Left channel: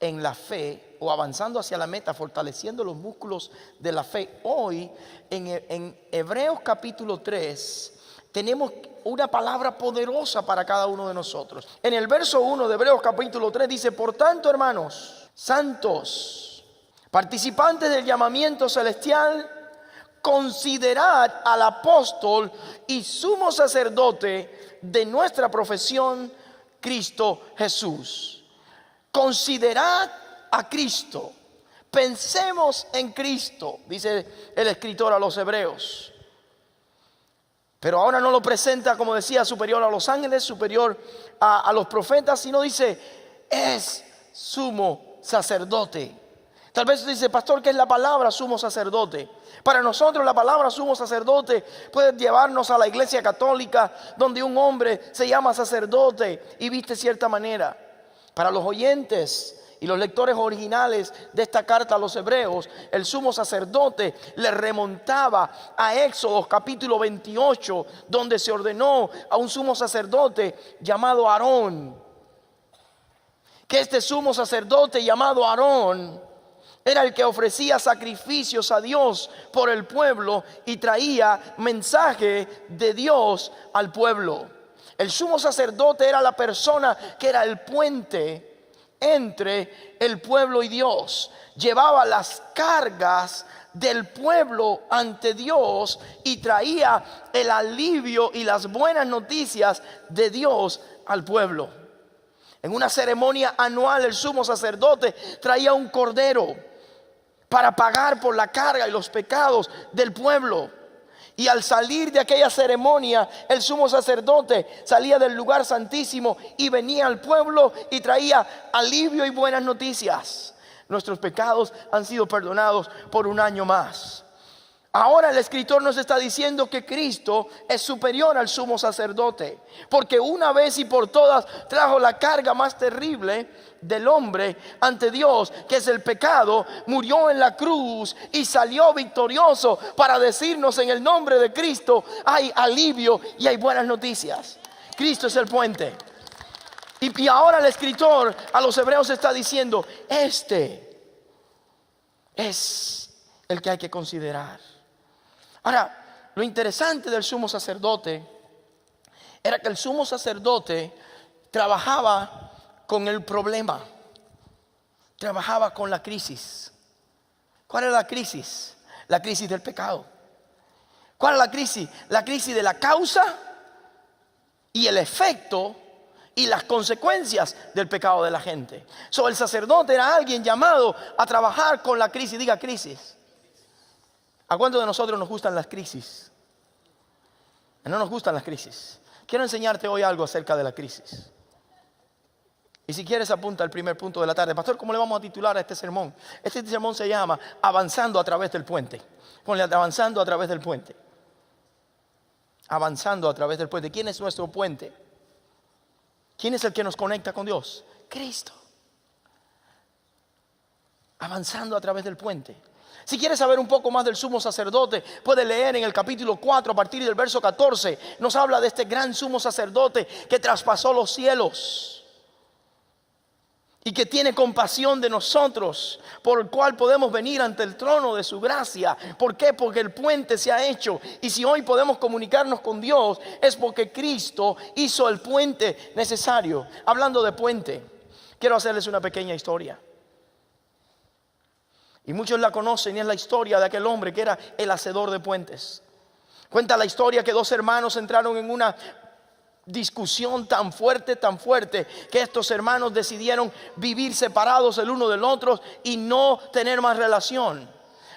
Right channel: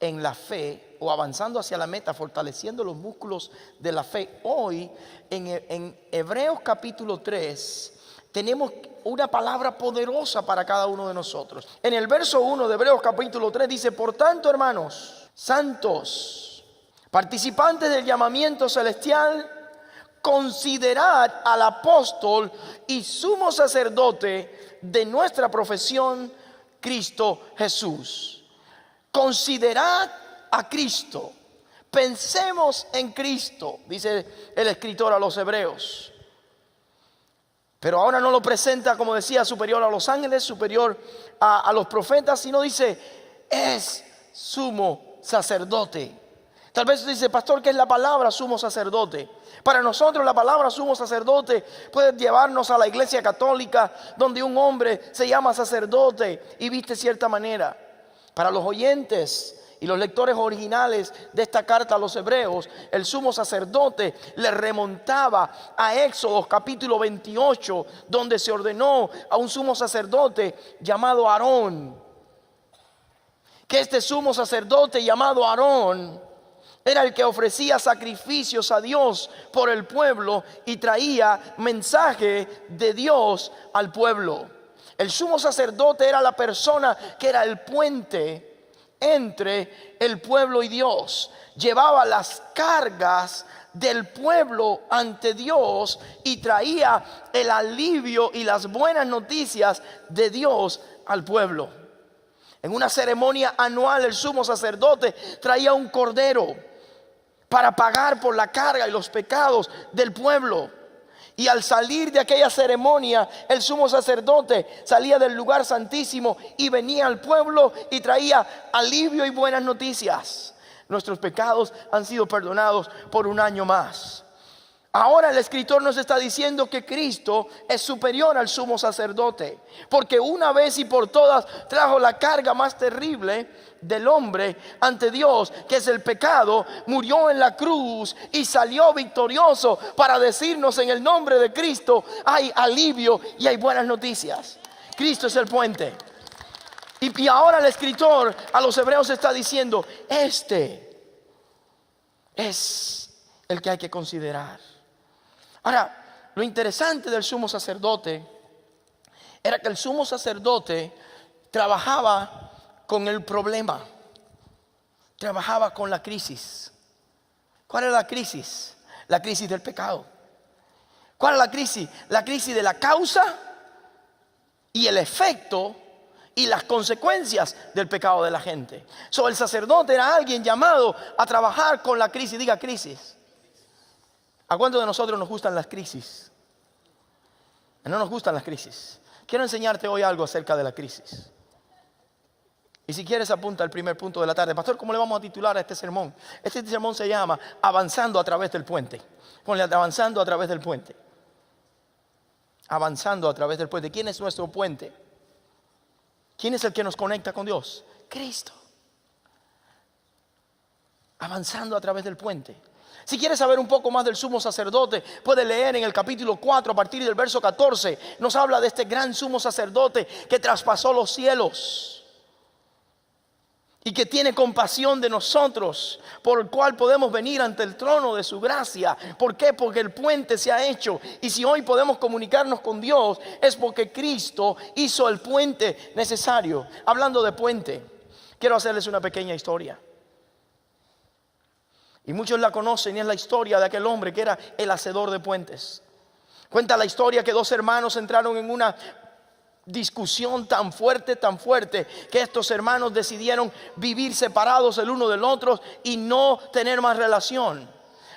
en la fe o avanzando hacia la meta, fortaleciendo los músculos de la fe. Hoy en Hebreos capítulo 3 tenemos una palabra poderosa para cada uno de nosotros. En el verso 1 de Hebreos capítulo 3 dice: por tanto, hermanos santos, participantes del llamamiento celestial, considerad al apóstol y sumo sacerdote de nuestra profesión, Cristo Jesús. Considerad a Cristo. Pensemos en Cristo, dice el escritor a los hebreos. Pero ahora no lo presenta, como decía, superior a los ángeles, superior a los profetas, sino dice: es sumo sacerdote. Tal vez dice: pastor, ¿qué es la palabra sumo sacerdote? Para nosotros la palabra sumo sacerdote puede llevarnos a la iglesia católica, donde un hombre se llama sacerdote y viste de cierta manera. Para los oyentes y los lectores originales de esta carta a los hebreos, el sumo sacerdote le remontaba a Éxodo capítulo 28, donde se ordenó a un sumo sacerdote llamado Aarón. Que este sumo sacerdote llamado Aarón era el que ofrecía sacrificios a Dios por el pueblo y traía mensaje de Dios al pueblo. El sumo sacerdote era la persona que era el puente entre el pueblo y Dios. Llevaba las cargas del pueblo ante Dios y traía el alivio y las buenas noticias de Dios al pueblo. En una ceremonia anual, el sumo sacerdote traía un cordero para pagar por la carga y los pecados del pueblo. Y al salir de aquella ceremonia, el sumo sacerdote salía del lugar santísimo y venía al pueblo y traía alivio y buenas noticias. Nuestros pecados han sido perdonados por un año más. Ahora el escritor nos está diciendo que Cristo es superior al sumo sacerdote, porque una vez y por todas trajo la carga más terrible del hombre ante Dios, que es el pecado. Murió en la cruz y salió victorioso para decirnos: en el nombre de Cristo hay alivio y hay buenas noticias. Cristo es el puente. Y ahora el escritor a los hebreos está diciendo: este es el que hay que considerar. Ahora, lo interesante del sumo sacerdote era que el sumo sacerdote trabajaba con el problema, trabajaba con la crisis. ¿Cuál es la crisis? La crisis del pecado. ¿Cuál es la crisis? La crisis de la causa y el efecto y las consecuencias del pecado de la gente. El sacerdote era alguien llamado a trabajar con la crisis. Diga crisis. ¿A cuántos de nosotros nos gustan las crisis? No nos gustan las crisis. Quiero enseñarte hoy algo acerca de la crisis. Y si quieres, apunta al primer punto de la tarde. Pastor, ¿cómo le vamos a titular a este sermón? Este sermón se llama Avanzando a través del puente. Ponle: avanzando a través del puente. Avanzando a través del puente. ¿Quién es nuestro puente? ¿Quién es el que nos conecta con Dios? Cristo. Avanzando a través del puente. Si quieres saber un poco más del sumo sacerdote, puedes leer en el capítulo 4 a partir del verso 14. Nos habla de este gran sumo sacerdote que traspasó los cielos y que tiene compasión de nosotros, por el cual podemos venir ante el trono de su gracia. ¿Por qué? Porque el puente se ha hecho. Y si hoy podemos comunicarnos con Dios, es porque Cristo hizo el puente necesario. Hablando de puente, quiero hacerles una pequeña historia. Y muchos la conocen, y es la historia de aquel hombre que era el hacedor de puentes. Cuenta la historia que dos hermanos entraron en una discusión tan fuerte, que estos hermanos decidieron vivir separados el uno del otro y no tener más relación.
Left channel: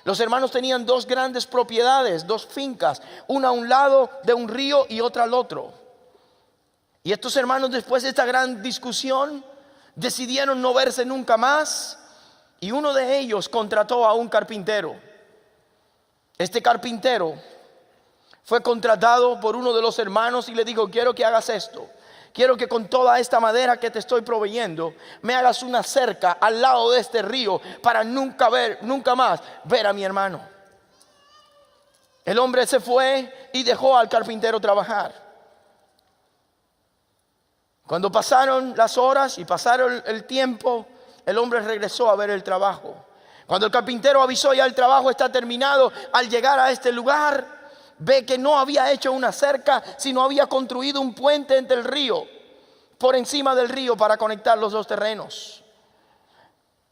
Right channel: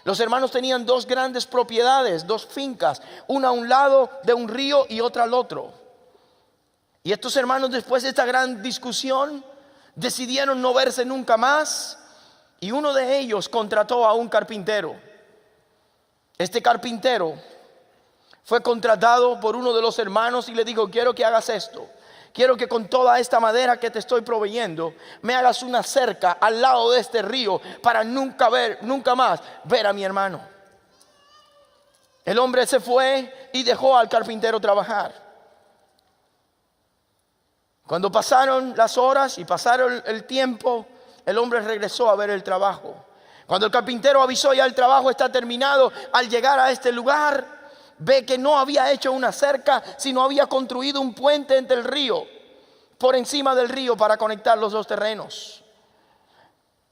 Los hermanos tenían dos grandes propiedades, dos fincas, una a un lado de un río y otra al otro. Y estos hermanos, después de esta gran discusión, decidieron no verse nunca más. Y uno de ellos contrató a un carpintero. Este carpintero fue contratado por uno de los hermanos y le dijo: quiero que hagas esto. Quiero que con toda esta madera que te estoy proveyendo, me hagas una cerca al lado de este río para nunca más ver a mi hermano. El hombre se fue y dejó al carpintero trabajar. Cuando pasaron las horas y pasaron el tiempo, el hombre regresó a ver el trabajo. Cuando el carpintero avisó ya el trabajo está terminado, al llegar a este lugar, ve que no había hecho una cerca, sino había construido un puente entre el río, por encima del río para conectar los dos terrenos.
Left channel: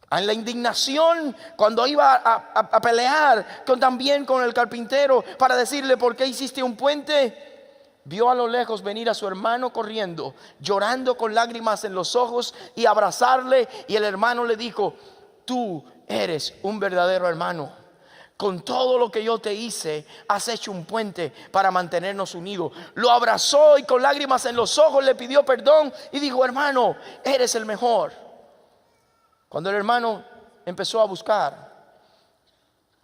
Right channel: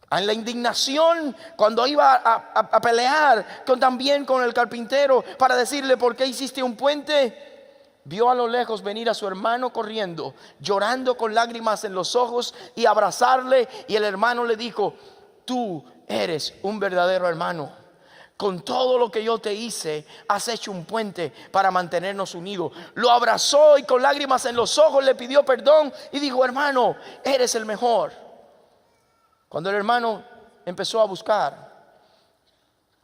En la indignación, cuando iba a pelear también con el carpintero para decirle por qué hiciste un puente, vio a lo lejos venir a su hermano corriendo, llorando con lágrimas en los ojos y abrazarle. Y el hermano le dijo: tú eres un verdadero hermano. Con todo lo que yo te hice, has hecho un puente para mantenernos unidos. Lo abrazó y con lágrimas en los ojos le pidió perdón y dijo: hermano, eres el mejor. Cuando el hermano empezó a buscar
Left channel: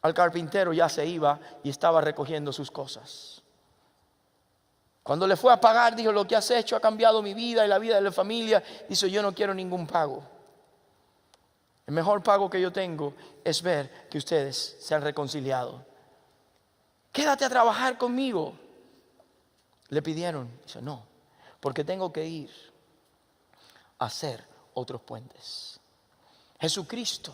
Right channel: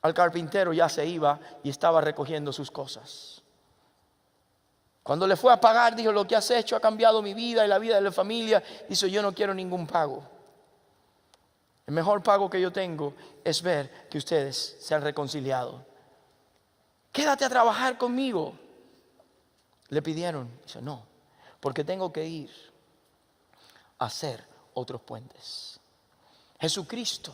al carpintero, ya se iba y estaba recogiendo sus cosas. Cuando le fue a pagar, dijo: lo que has hecho ha cambiado mi vida y la vida de la familia. Dice: yo no quiero ningún pago. El mejor pago que yo tengo es ver que ustedes se han reconciliado. Quédate a trabajar conmigo, le pidieron. Dice: no, porque tengo que ir a hacer otros puentes. Jesucristo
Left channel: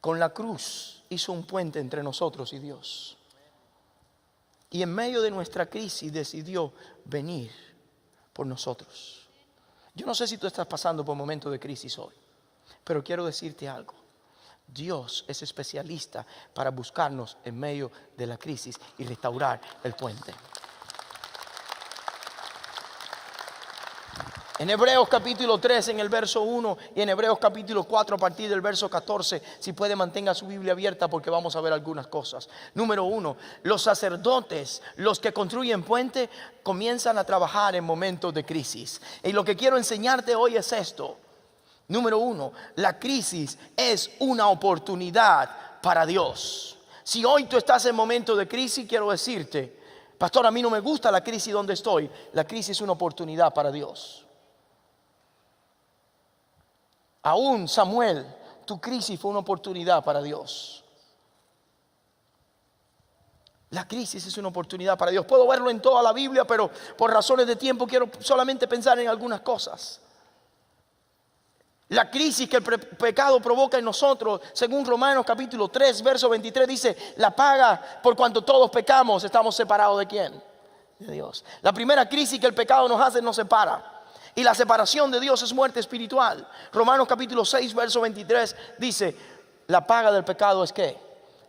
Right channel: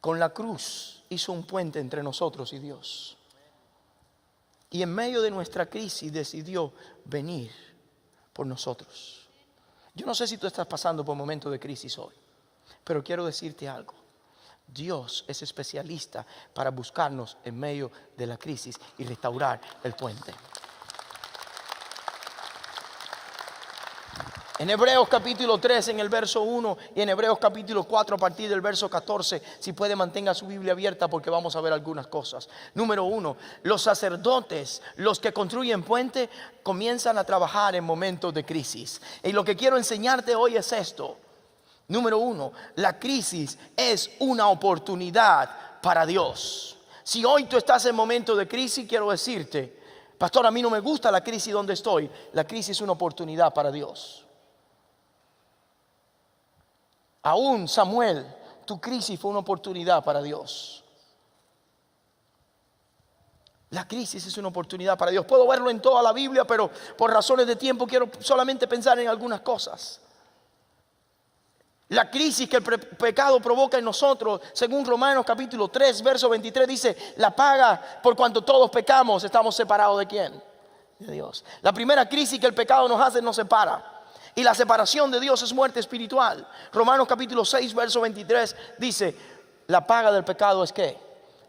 con la cruz hizo un puente entre nosotros y Dios. Y en medio de nuestra crisis decidió venir por nosotros. Yo no sé si tú estás pasando por momentos de crisis hoy, pero quiero decirte algo. Dios es especialista para buscarnos en medio de la crisis y restaurar el puente. En Hebreos capítulo 3 en el verso 1 y en Hebreos capítulo 4 a partir del verso 14, si puede mantenga su Biblia abierta porque vamos a ver algunas cosas. Número 1, los sacerdotes, los que construyen puente, comienzan a trabajar en momentos de crisis. Y lo que quiero enseñarte hoy es esto. Número 1, la crisis es una oportunidad para Dios. Si hoy tú estás en momentos de crisis, quiero decirte: pastor, a mí no me gusta la crisis donde estoy. La crisis es una oportunidad para Dios. Aún Samuel, tu crisis fue una oportunidad para Dios. La crisis es una oportunidad para Dios. Puedo verlo en toda la Biblia, pero por razones de tiempo quiero solamente pensar en algunas cosas. La crisis que el pecado provoca en nosotros, según Romanos capítulo 3, verso 23, dice: la paga por cuanto todos pecamos, estamos separados ¿de quién? De Dios. La primera crisis que el pecado nos hace, nos separa. Y la separación de Dios es muerte espiritual. Romanos capítulo 6, verso 23 dice: la paga del pecado es ¿qué?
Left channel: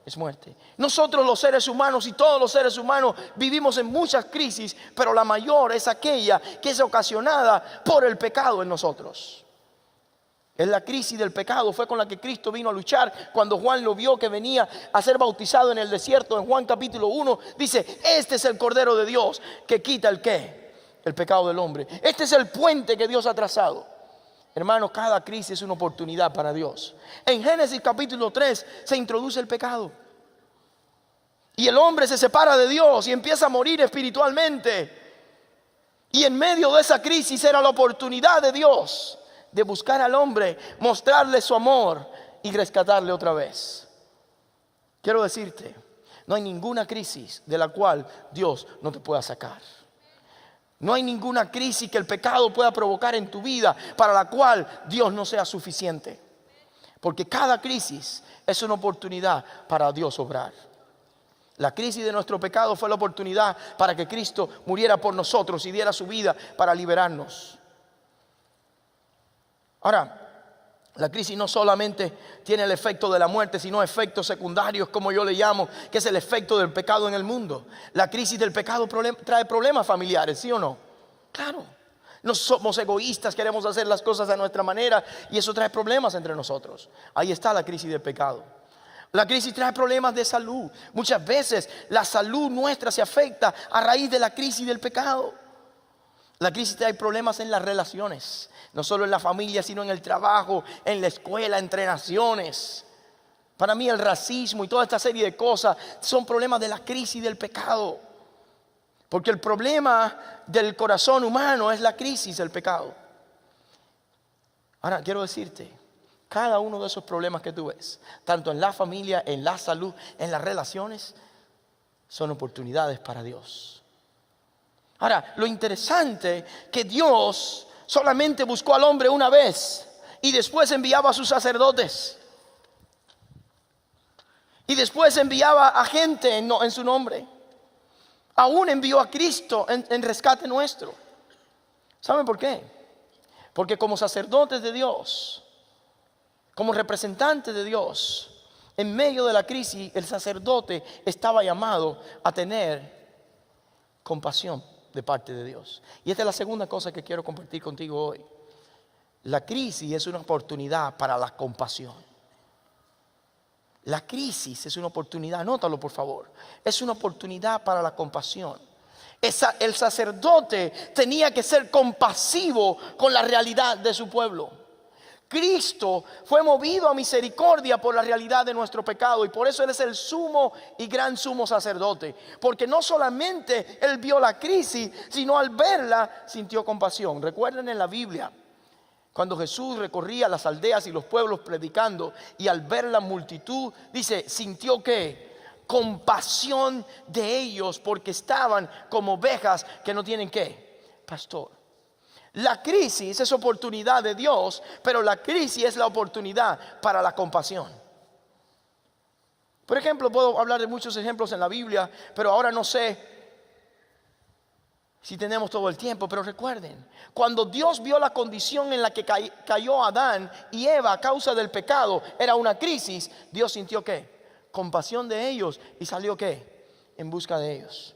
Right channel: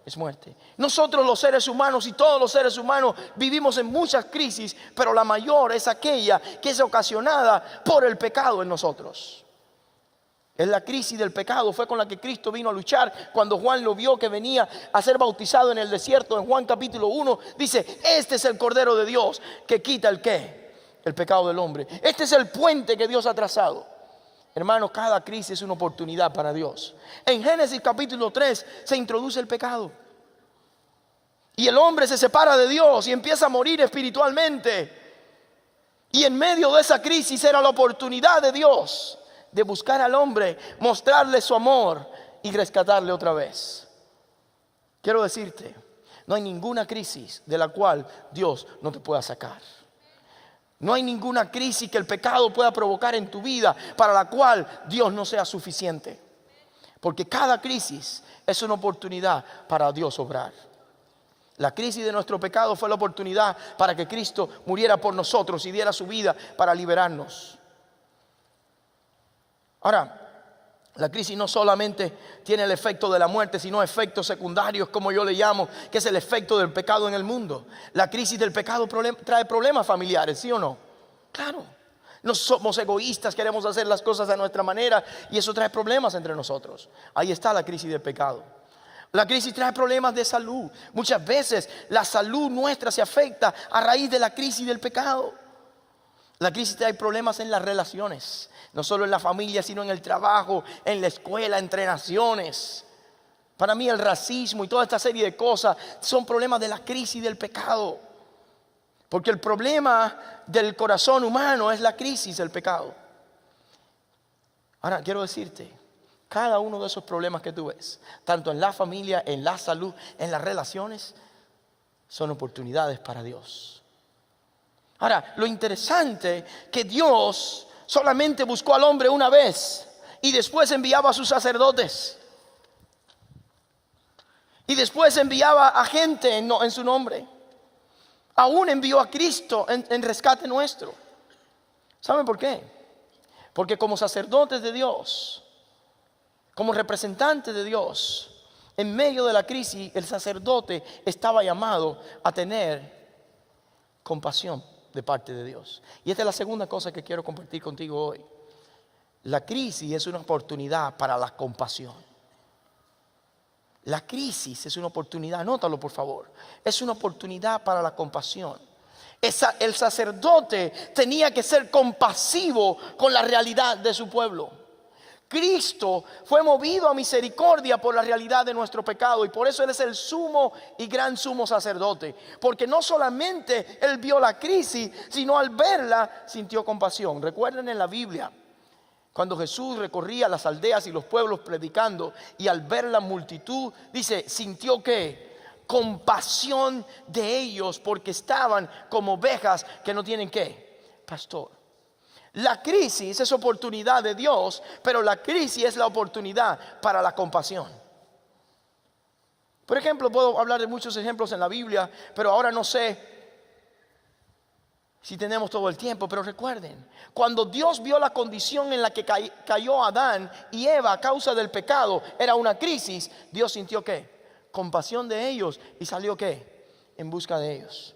Es muerte. Nosotros los seres humanos y todos los seres humanos vivimos en muchas crisis, pero la mayor es aquella que es ocasionada por el pecado en nosotros. Es la crisis del pecado, fue con la que Cristo vino a luchar. Cuando Juan lo vio que venía a ser bautizado en el desierto, en Juan capítulo 1, dice: este es el Cordero de Dios que quita el ¿qué? El pecado del hombre. Este es el puente que Dios ha trazado. Hermanos, cada crisis es una oportunidad para Dios. En Génesis capítulo 3 se introduce el pecado. Y el hombre se separa de Dios y empieza a morir espiritualmente. Y en medio de esa crisis era la oportunidad de Dios de buscar al hombre, mostrarle su amor y rescatarle otra vez. Quiero decirte, no hay ninguna crisis de la cual Dios no te pueda sacar. No hay ninguna crisis que el pecado pueda provocar en tu vida para la cual Dios no sea suficiente. Porque cada crisis es una oportunidad para Dios obrar. La crisis de nuestro pecado fue la oportunidad para que Cristo muriera por nosotros y diera su vida para liberarnos. Ahora, la crisis no solamente tiene el efecto de la muerte, sino efectos secundarios, como yo le llamo, que es el efecto del pecado en el mundo. La crisis del pecado trae problemas familiares, ¿sí o no? Claro. No somos egoístas, queremos hacer las cosas a nuestra manera y eso trae problemas entre nosotros. Ahí está la crisis del pecado. La crisis trae problemas de salud. Muchas veces la salud nuestra se afecta a raíz de la crisis del pecado. La crisis trae problemas en las relaciones. No solo en la familia, sino en el trabajo, en la escuela, entre naciones. Para mí el racismo y toda esta serie de cosas son problemas de la crisis del pecado. Porque el problema del corazón humano es la crisis del pecado. Ahora quiero decirte, cada uno de esos problemas que tú ves, tanto en la familia, en la salud, en las relaciones, son oportunidades para Dios. Ahora, lo interesante que Dios solamente buscó al hombre una vez Y después enviaba a sus sacerdotes. Y después enviaba a gente en su nombre. Aún envió a Cristo en rescate nuestro. ¿Saben por qué? Porque como sacerdotes de Dios, como representantes de Dios, en medio de la crisis, el sacerdote estaba llamado a tener compasión de parte de Dios. Y esta es la segunda cosa que quiero compartir contigo hoy. La crisis es una oportunidad para la compasión. La crisis es una oportunidad, anótalo por favor. Es una oportunidad para la compasión. El sacerdote tenía que ser compasivo con la realidad de su pueblo. Cristo fue movido a misericordia por la realidad de nuestro pecado, y por eso Él es el sumo y gran sumo sacerdote. Porque no solamente Él vio la crisis, sino al verla sintió compasión. Recuerden en la Biblia, cuando Jesús recorría las aldeas y los pueblos predicando, y al ver la multitud, dice, sintió ¿qué? Compasión de ellos, porque estaban como ovejas que no tienen ¿qué? Pastor. La crisis es oportunidad de Dios, pero la crisis es la oportunidad para la compasión. Por ejemplo, puedo hablar de muchos ejemplos en la Biblia, pero ahora no sé si tenemos todo el tiempo. Pero recuerden, cuando Dios vio la condición en la que cayó Adán y Eva a causa del pecado, era una crisis. Dios sintió ¿qué? Compasión de ellos, y salió ¿qué? En busca de ellos.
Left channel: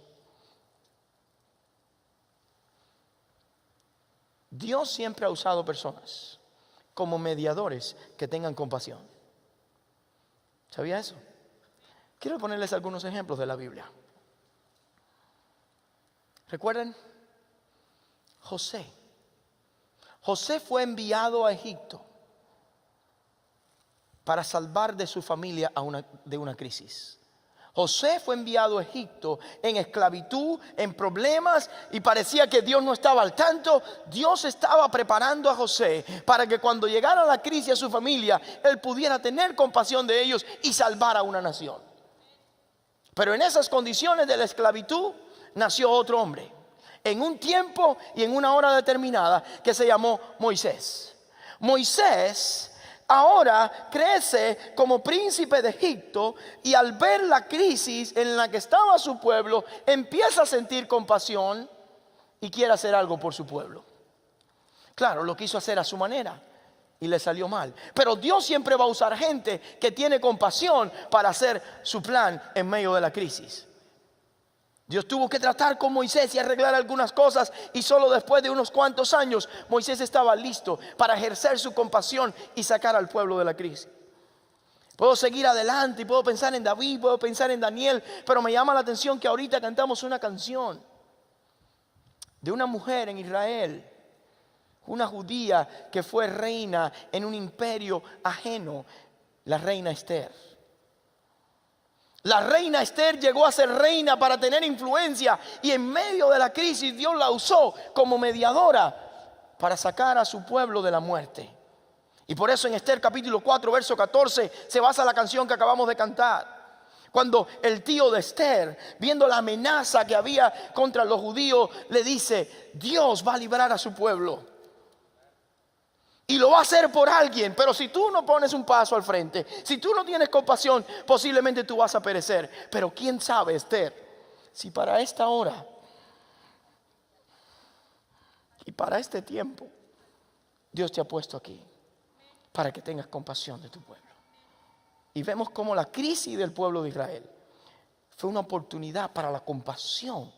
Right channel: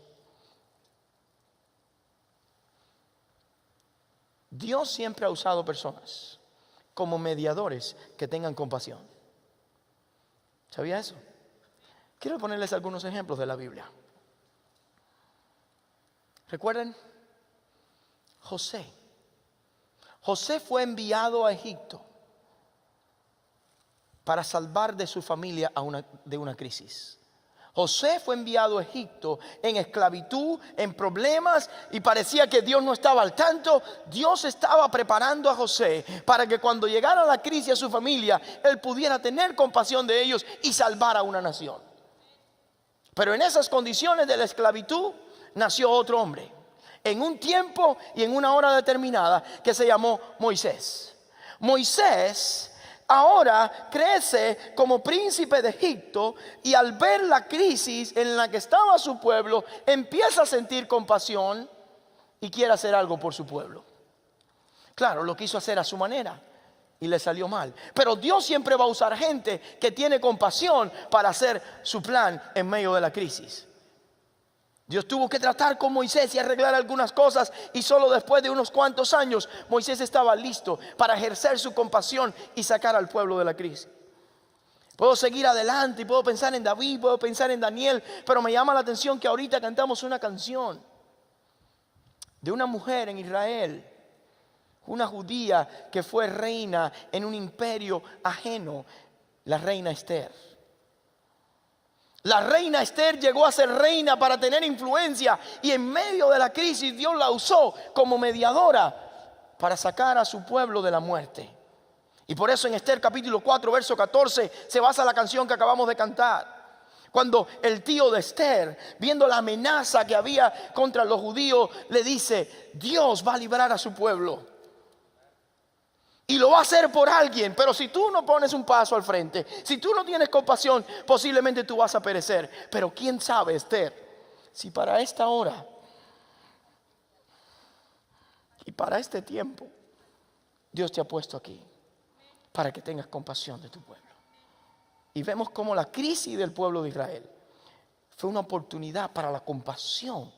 Dios siempre ha usado personas como mediadores que tengan compasión. ¿Sabía eso? Quiero ponerles algunos ejemplos de la Biblia. ¿Recuerden? José. José fue enviado a Egipto para salvar de su familia de una crisis. José fue enviado a Egipto en esclavitud, en problemas, y parecía que Dios no estaba al tanto. Dios estaba preparando a José para que cuando llegara la crisis a su familia, él pudiera tener compasión de ellos y salvar a una nación. Pero en esas condiciones de la esclavitud nació otro hombre, en un tiempo y en una hora determinada, que se llamó Moisés. Moisés ahora crece como príncipe de Egipto, y al ver la crisis en la que estaba su pueblo, empieza a sentir compasión y quiere hacer algo por su pueblo. Claro, lo quiso hacer a su manera y le salió mal. Pero Dios siempre va a usar gente que tiene compasión para hacer su plan en medio de la crisis. Dios tuvo que tratar con Moisés y arreglar algunas cosas, y solo después de unos cuantos años Moisés estaba listo para ejercer su compasión y sacar al pueblo de la crisis. Puedo seguir adelante y puedo pensar en David, puedo pensar en Daniel, pero me llama la atención que ahorita cantamos una canción de una mujer en Israel, una judía que fue reina en un imperio ajeno, la reina Esther. La reina Esther llegó a ser reina para tener influencia, y en medio de la crisis Dios la usó como mediadora para sacar a su pueblo de la muerte. Y por eso en Esther capítulo 4 verso 14 se basa la canción que acabamos de cantar. Cuando el tío de Esther, viendo la amenaza que había contra los judíos, le dice: Dios va a librar a su pueblo. Y lo va a hacer por alguien. Pero si tú no pones un paso al frente, si tú no tienes compasión, posiblemente tú vas a perecer. Pero quién sabe, Esther, si para esta hora y para este tiempo Dios te ha puesto aquí para que tengas compasión de tu pueblo. Y vemos cómo la crisis del pueblo de Israel fue una oportunidad para la compasión.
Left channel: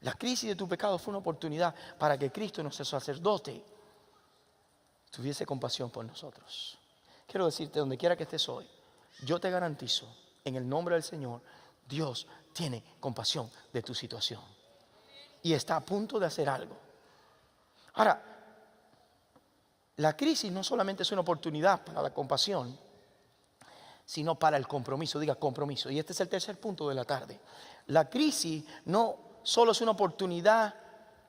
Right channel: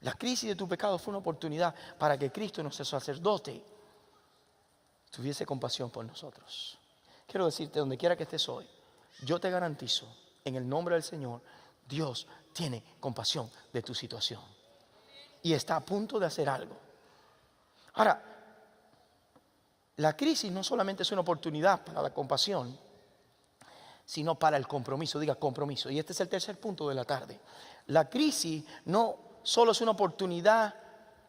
La crisis de tu pecado fue una oportunidad para que Cristo, nuestro sacerdote, tuviese compasión por nosotros. Quiero decirte, donde quiera que estés hoy, yo te garantizo, en el nombre del Señor, Dios tiene compasión de tu situación y está a punto de hacer algo. Ahora, la crisis no solamente es una oportunidad para la compasión, sino para el compromiso. Diga compromiso. Y este es el tercer punto de la tarde. La crisis no solo es una oportunidad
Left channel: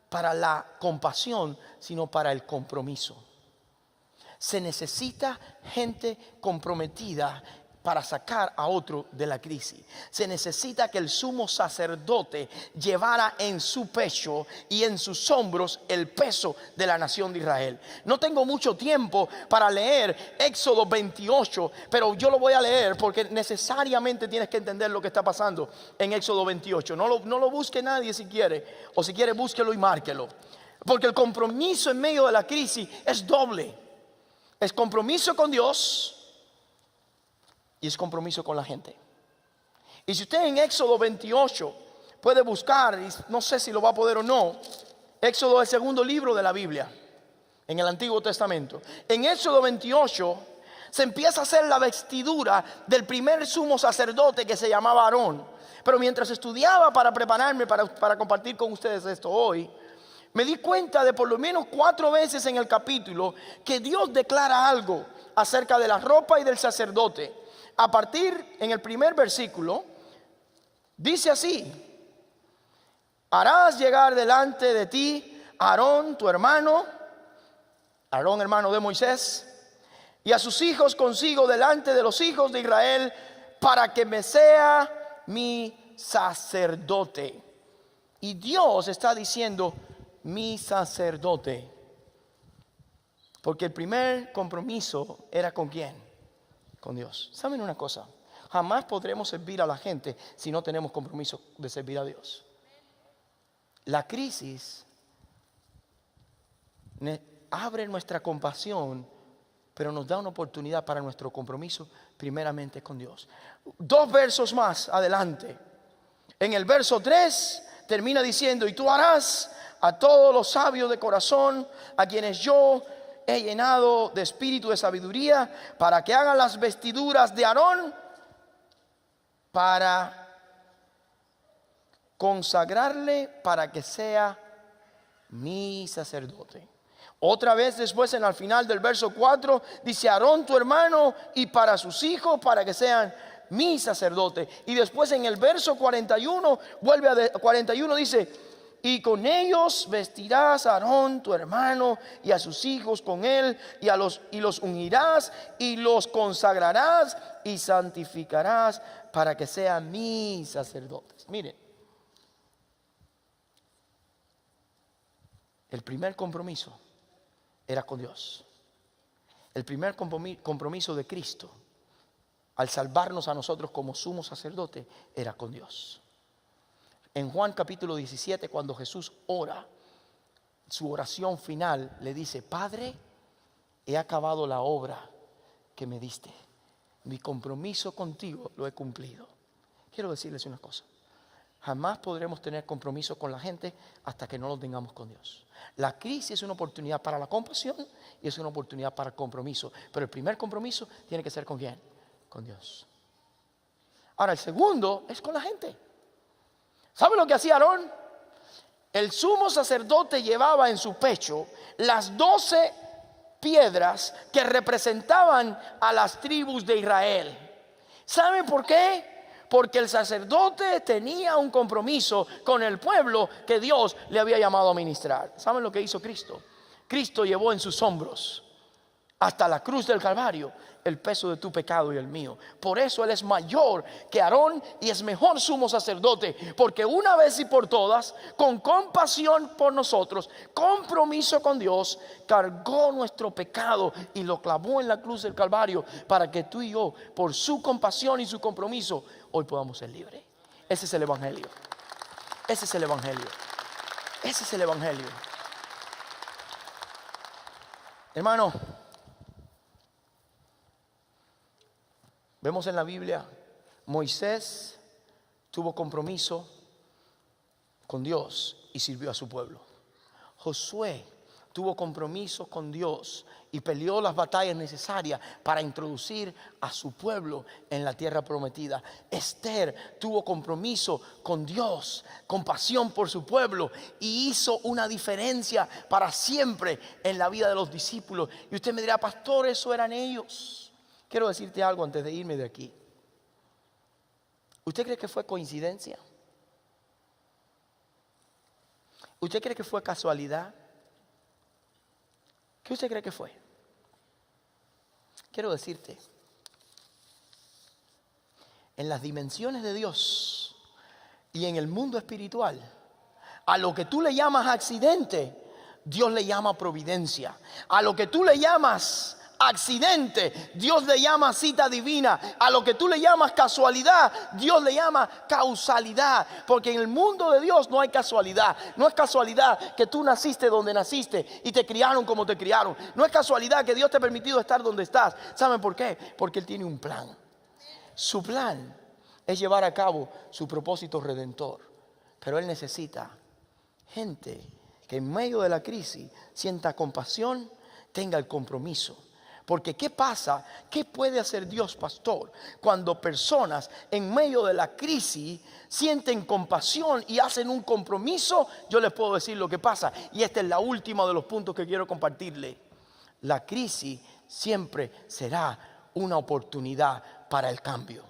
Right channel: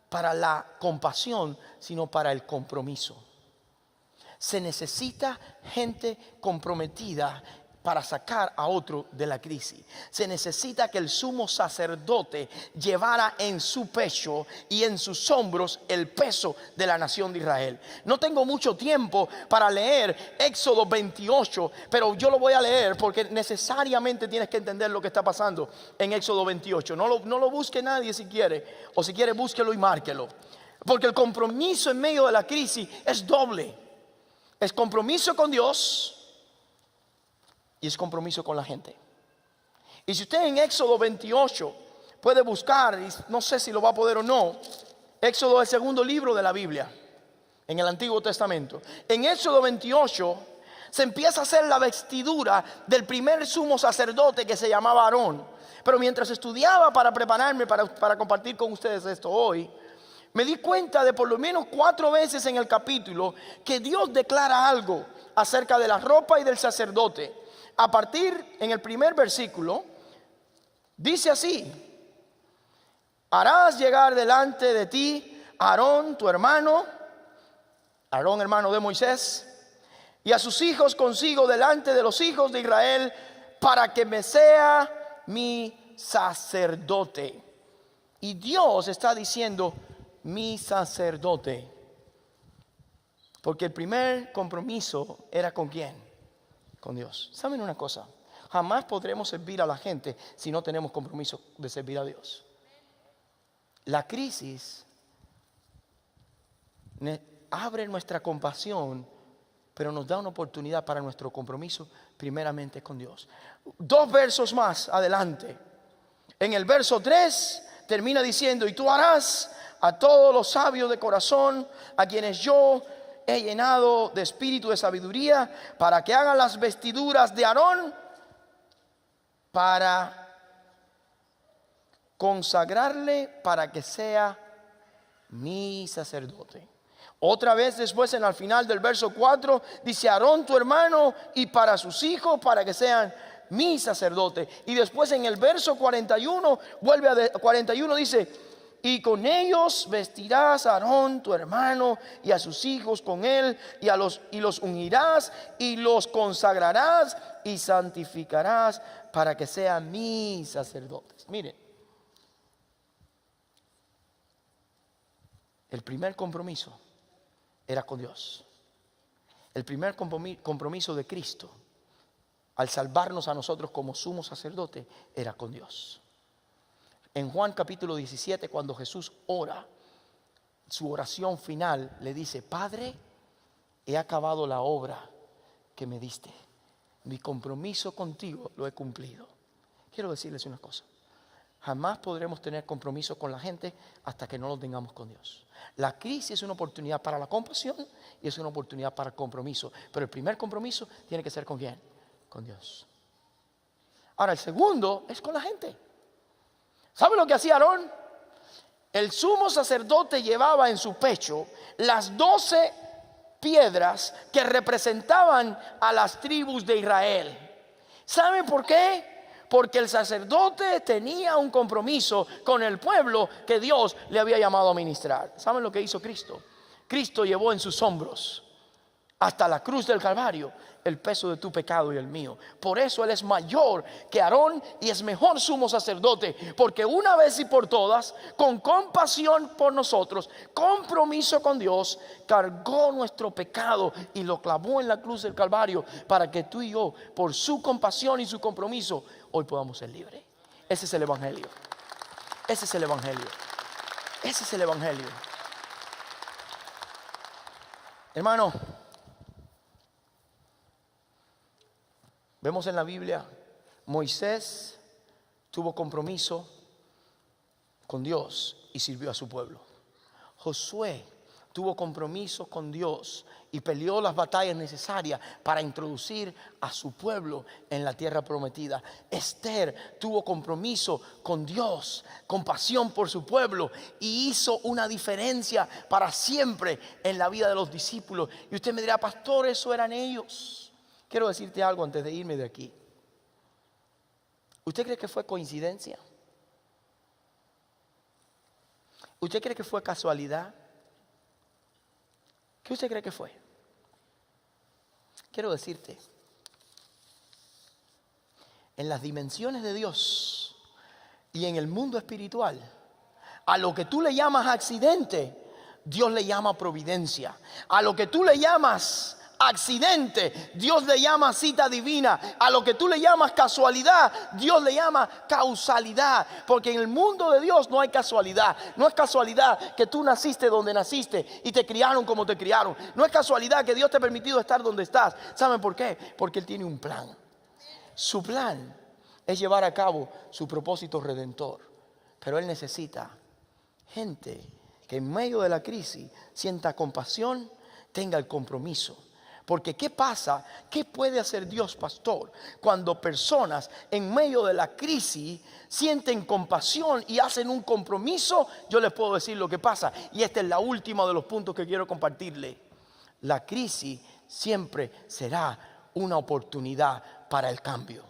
para la compasión, sino para el compromiso. Se necesita gente comprometida para sacar a otro de la crisis. Se necesita que el sumo sacerdote llevara en su pecho y en sus hombros el peso de la nación de Israel. No tengo mucho tiempo para leer Éxodo 28, pero yo lo voy a leer porque necesariamente tienes que entender lo que está pasando en Éxodo 28. No lo busque nadie si quiere, o si quiere búsquelo y márquelo. Porque el compromiso en medio de la crisis es doble. Es compromiso con Dios y es compromiso con la gente. Y si usted en Éxodo 28 puede buscar, y no sé si lo va a poder o no, Éxodo es el segundo libro de la Biblia en el Antiguo Testamento. En Éxodo 28 se empieza a hacer la vestidura del primer sumo sacerdote que se llamaba Aarón. Pero mientras estudiaba para prepararme para compartir con ustedes esto hoy, me di cuenta de por lo menos 4 veces en el capítulo que Dios declara algo acerca de la ropa y del sacerdote. A partir en el primer versículo, dice así: harás llegar delante de ti a Aarón tu hermano, Aarón hermano de Moisés, y a sus hijos consigo delante de los hijos de Israel, para que me sea mi sacerdote. Y Dios está diciendo mi sacerdote, porque el primer compromiso era ¿con quién? Con Dios. ¿Saben una cosa? Jamás podremos servir a la gente si no tenemos compromiso de servir a Dios. La crisis abre nuestra compasión, pero nos da una oportunidad para nuestro compromiso primeramente con Dios. 2 versos más adelante, en el verso 3 termina diciendo: y tú harás a todos los sabios de corazón, a quienes yo he llenado de espíritu de sabiduría, para que hagan las vestiduras de Aarón, para consagrarle, para que sea mi sacerdote. Otra vez después, en al final del verso 4, dice: Aarón tu hermano y para sus hijos, para que sean mi sacerdote. Y después en el verso 41, 41 dice: y con ellos vestirás a Aarón tu hermano y a sus hijos con él, y los ungirás y los consagrarás y santificarás para que sean mis sacerdotes. Miren, el primer compromiso era con Dios. El primer compromiso de Cristo al salvarnos a nosotros como sumo sacerdote era con Dios. En Juan capítulo 17, cuando Jesús ora, su oración final le dice: Padre, he acabado la obra que me diste. Mi compromiso contigo lo he cumplido. Quiero decirles una cosa: jamás podremos tener compromiso con la gente hasta que no lo tengamos con Dios. La crisis es una oportunidad para la compasión y es una oportunidad para el compromiso. Pero el primer compromiso tiene que ser ¿con quién? Con Dios. Ahora, el segundo es con la gente. ¿Sabe lo que hacía Aarón? El sumo sacerdote llevaba en su pecho las 12 piedras que representaban a las tribus de Israel. ¿Sabe por qué? Porque el sacerdote tenía un compromiso con el pueblo que Dios le había llamado a ministrar. ¿Saben lo que hizo Cristo? Cristo llevó en sus hombros hasta la cruz del Calvario el peso de tu pecado y el mío. Por eso Él es mayor que Aarón y es mejor sumo sacerdote, porque una vez y por todas, con compasión por nosotros, compromiso con Dios, cargó nuestro pecado y lo clavó en la cruz del Calvario, para que tú y yo, por su compasión y su compromiso, hoy podamos ser libres. Ese es el Evangelio. Ese es el Evangelio. Ese es el Evangelio. Hermano, vemos en la Biblia, Moisés tuvo compromiso con Dios y sirvió a su pueblo. Josué tuvo compromiso con Dios y peleó las batallas necesarias para introducir a su pueblo en la tierra prometida. Esther tuvo compromiso con Dios, compasión por su pueblo, y hizo una diferencia para siempre en la vida de los discípulos. Y usted me dirá: pastor, eso eran ellos. Quiero decirte algo antes de irme de aquí. ¿Usted cree que fue coincidencia? ¿Usted cree que fue casualidad? ¿Qué usted cree que fue? Quiero decirte en las dimensiones de Dios y en el mundo espiritual, a lo que tú le llamas accidente, Dios le llama providencia. A lo que tú le llamas accidente, Dios le llama cita divina. A lo que tú le llamas casualidad, Dios le llama causalidad. Porque en el mundo de Dios no hay casualidad. No es casualidad que tú naciste donde naciste y te criaron como te criaron. No es casualidad que Dios te ha permitido estar donde estás. ¿Saben por qué? Porque Él tiene un plan. Su plan es llevar a cabo su propósito redentor. Pero Él necesita gente que en medio de la crisis sienta compasión, tenga el compromiso. Porque ¿qué pasa? ¿Qué puede hacer Dios, pastor? Cuando personas en medio de la crisis sienten compasión y hacen un compromiso, yo les puedo decir lo que pasa. Y este es la última de los puntos que quiero compartirle. La crisis siempre será una oportunidad para el cambio.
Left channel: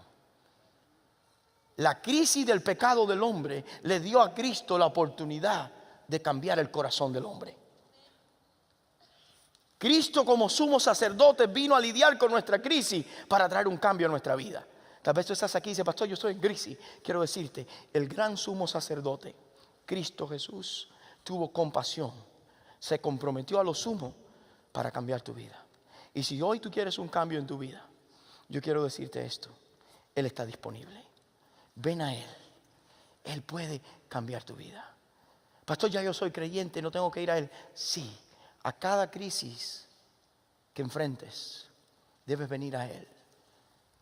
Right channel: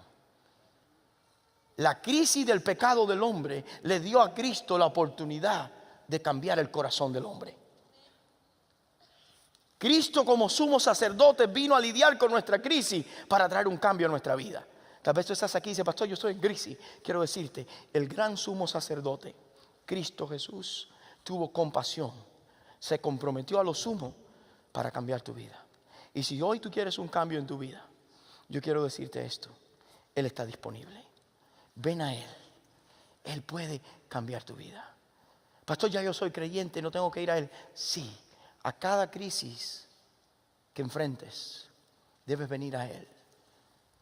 La crisis del pecado del hombre le dio a Cristo la oportunidad de cambiar el corazón del hombre. Cristo como sumo sacerdote vino a lidiar con nuestra crisis para traer un cambio a nuestra vida. Tal vez tú estás aquí y dices, pastor, yo estoy en crisis. Quiero decirte, el gran sumo sacerdote, Cristo Jesús, tuvo compasión. Se comprometió a lo sumo para cambiar tu vida. Y si hoy tú quieres un cambio en tu vida, yo quiero decirte esto. Él está disponible. Ven a Él. Él puede cambiar tu vida. Pastor, ya yo soy creyente, no tengo que ir a Él. Sí. A cada crisis que enfrentes, debes venir a Él,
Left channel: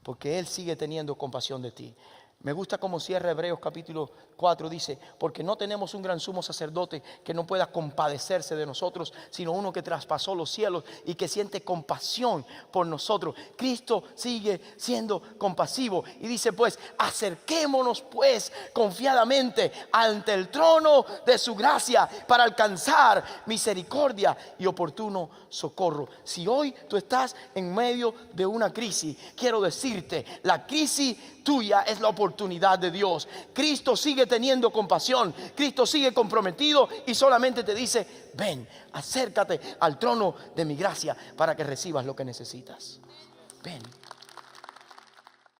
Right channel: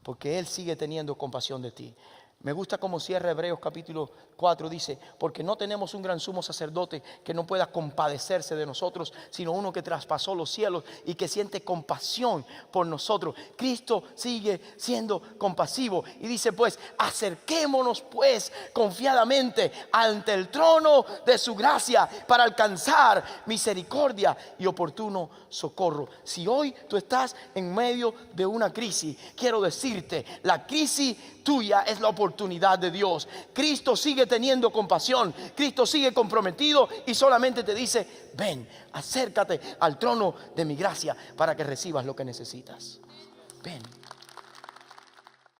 porque Él sigue teniendo compasión de ti. Me gusta cómo cierra Hebreos capítulo 4, dice, porque no tenemos un gran sumo sacerdote que no pueda compadecerse de nosotros, sino uno que traspasó los cielos y que siente compasión por nosotros. Cristo sigue siendo compasivo y dice, pues, acerquémonos pues confiadamente ante el trono de su gracia para alcanzar misericordia y oportuno socorro. Si hoy tú estás en medio de una crisis, quiero decirte, la crisis tuya es la oportunidad de Dios. Cristo sigue teniendo compasión, Cristo sigue comprometido y solamente te dice, ven, acércate al trono de mi gracia para que recibas lo que necesitas. Ven.